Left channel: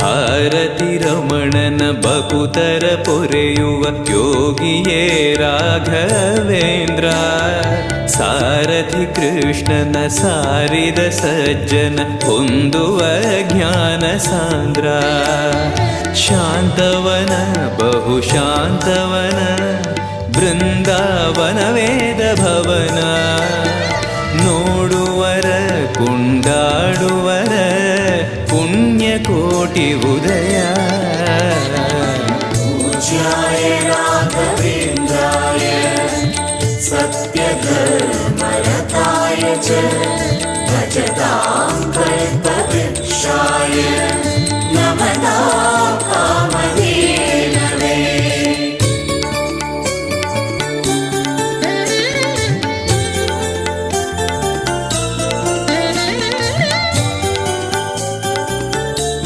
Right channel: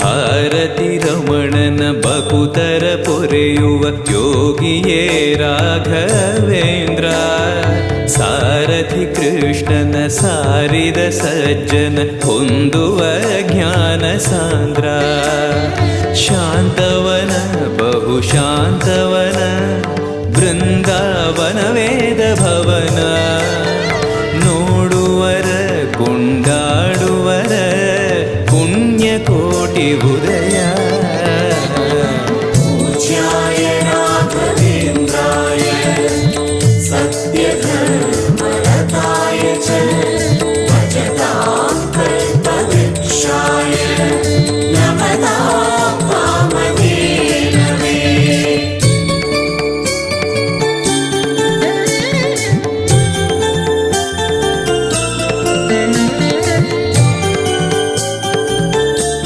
ಭಾರತಿ ರಮಣನ ಬಕುತರ ಪೊರೆಯುವ ಯೋಗಿಯೇ ರಾಘವೇಂದ್ರ. ಸಾರಥಿ ಕೃಷ್ಣನ ಸಾರಿದ ಸಜ್ಜನ ಹೊಂದುವ ಜ್ಞಾನ ಸಾಂದ್ರ. ಶಾಂತವನ ಬಹುಶಾಂತವನ ಬೃಂದಾವನ ವೇದ ಭವನ. ನೋಡುವರ ಕೊಂಡಾಡುವರ ಪುಣ್ಯಕೋಟಿ ಉದಯ.